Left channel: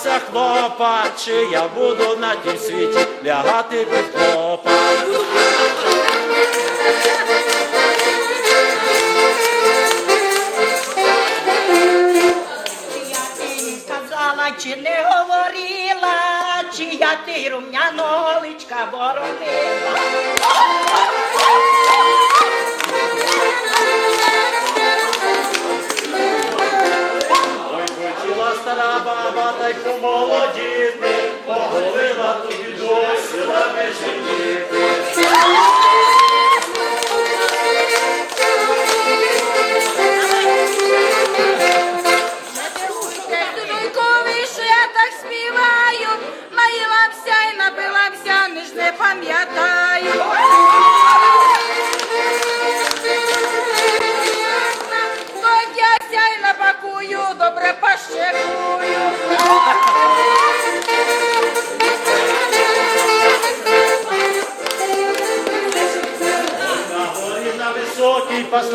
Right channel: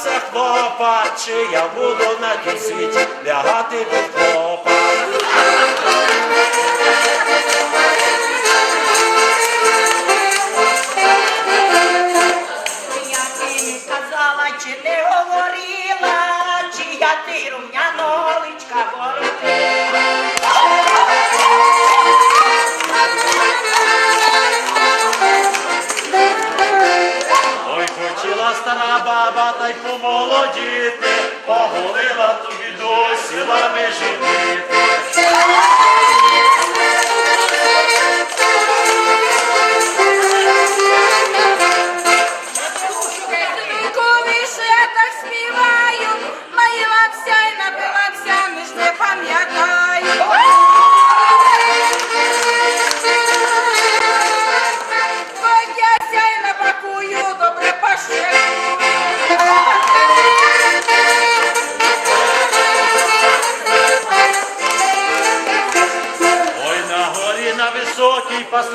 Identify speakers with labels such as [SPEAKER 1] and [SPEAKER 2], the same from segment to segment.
[SPEAKER 1] Обдурила, хлопа, чи я буду на тім світі лягати під хлопа.
[SPEAKER 2] Чи не говорила, чи я ти рум'яного личка воротила.
[SPEAKER 1] Баба, та й помолодіти, поголила тобі досі лами жити.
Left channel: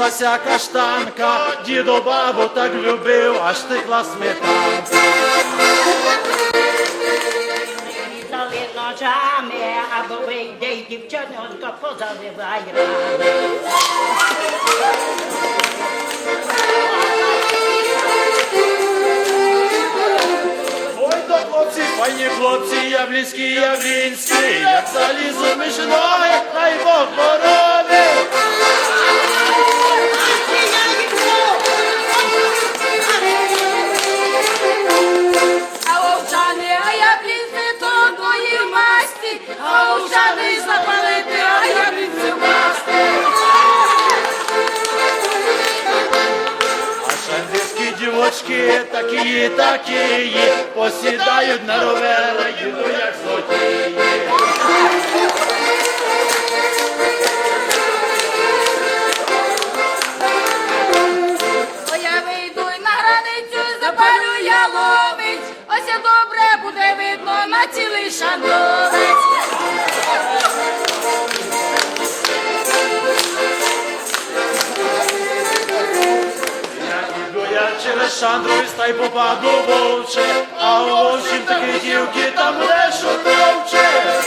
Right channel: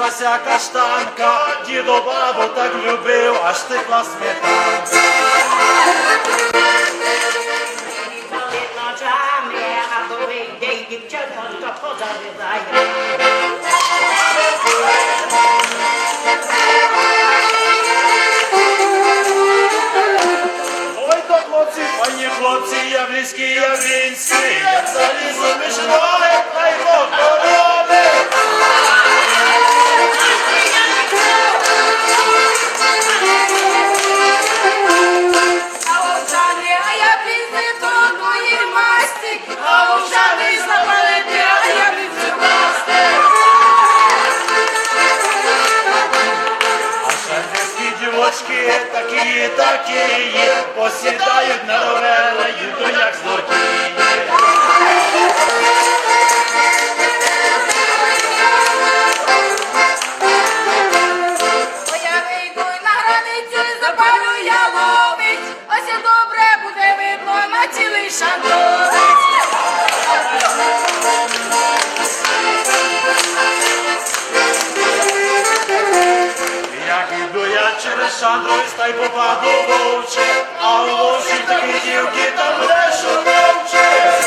[SPEAKER 1] Паслася каштанка, дідо бабу так любив, аж текла сметанка.
[SPEAKER 2] різали ножами, або вийде й.
[SPEAKER 1] Ой, то хлопці, пані хлопці, явлінські, явлінські, як залізо між ноги, хай Бог такі, такі, посідають на ровери, їдуть як злодії.
[SPEAKER 3] О, я вийду на границю і запалю ялович. Ось добре буде видно на цілий шандовець.
[SPEAKER 1] Через Шандровець, та й попаду вовче, а у вовчів таких дівки там лешу товче.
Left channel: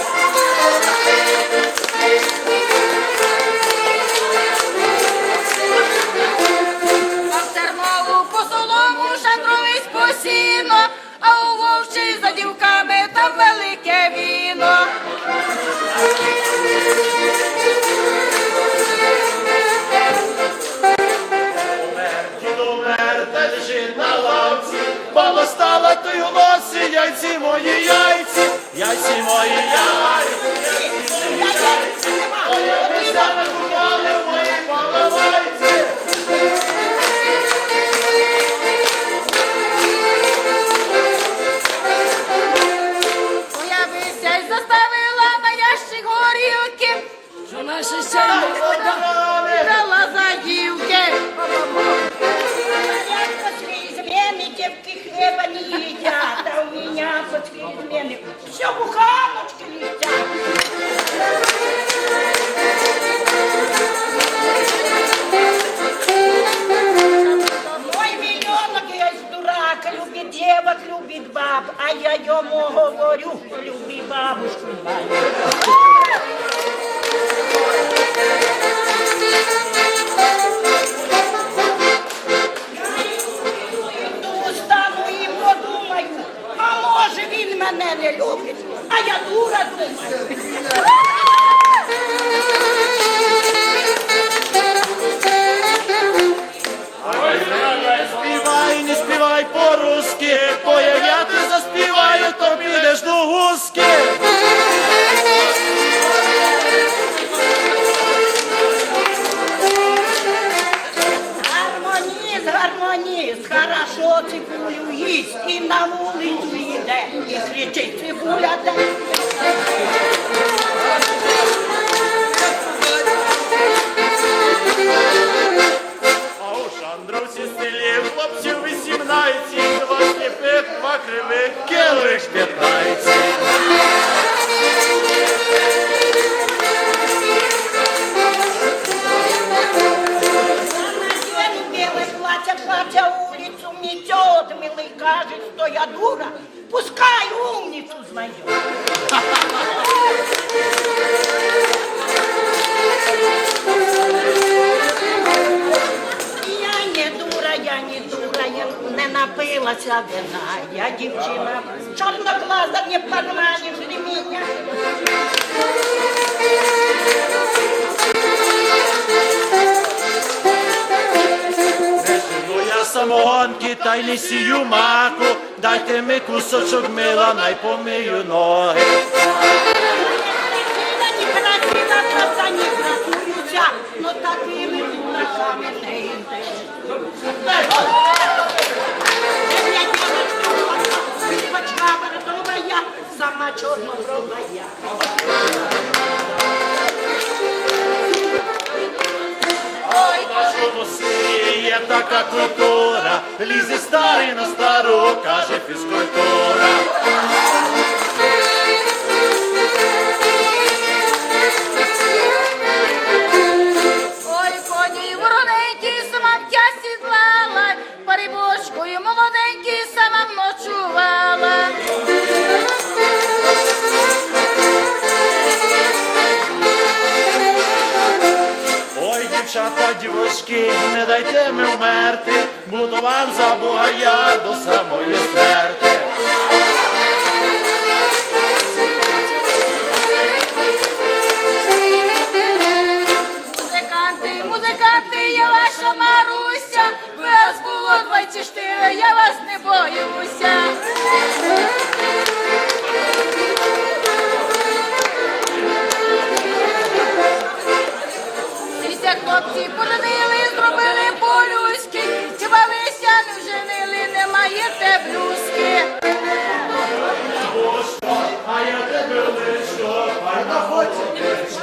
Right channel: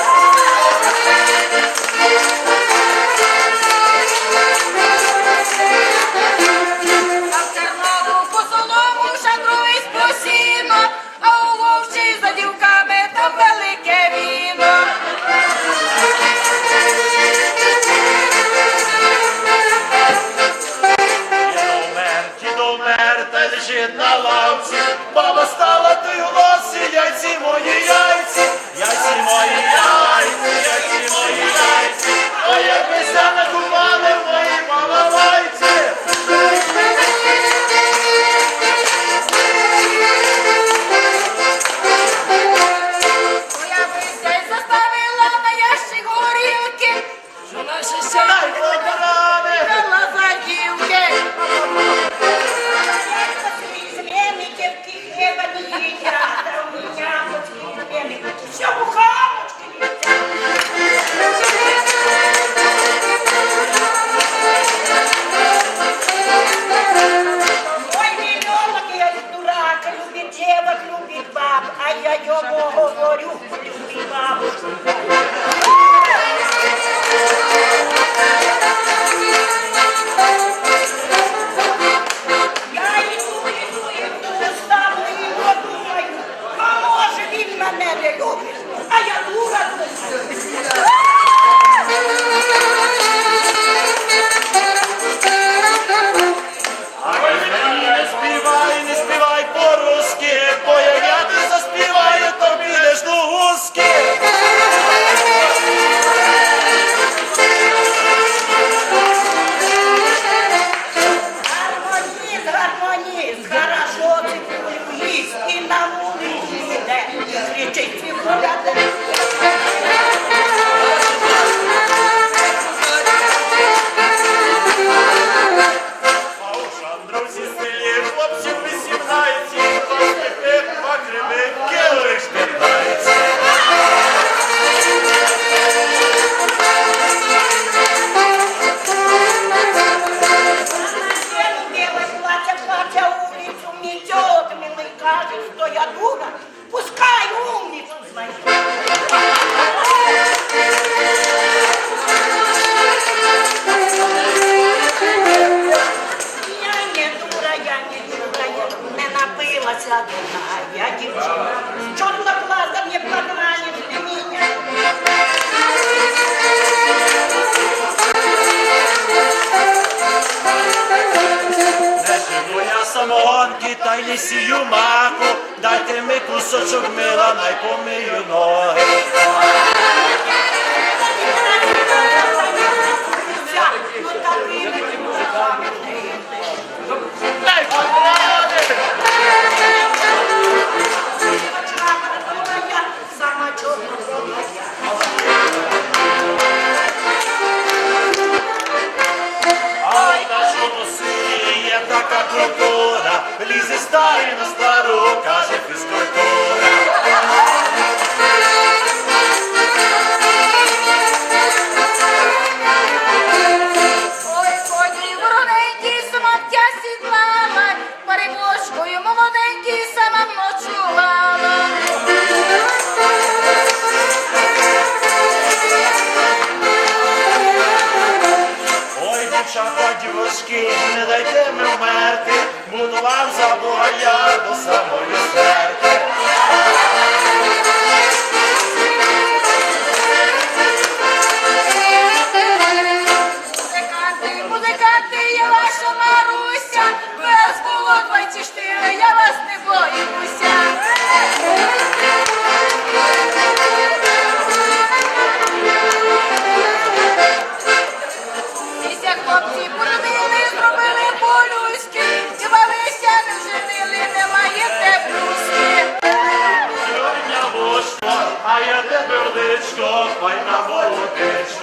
[SPEAKER 1] Мої яйці, яйці мої яйці,
[SPEAKER 2] девок, любит баб, а я ему говорю, люби бабушку. Мене не любить, а я дура думаю.
[SPEAKER 1] Співай, не співай по-русски, бо як я ти заспіваю, то підеш до гуски.
[SPEAKER 2] Гармоніст, гармоніст, хорошо цибулю їсть і на вулицю йде, і кричить цибуля де. Напилася вина. Я дівчина чорноглаза, не подманишь ли меня?
[SPEAKER 1] Самогонки, та й не сію маку. Дайте ми кусочок мила, най помию ноги. Така культура, лізе старий на стару, каже фізкультура. Ми вмерти, буду вам за Бога я до самої смерти.
[SPEAKER 3] Музиканти, музиканти, я ваша Маруся, вас було 24, я вас не боюся. Хлопці
[SPEAKER 1] Americans.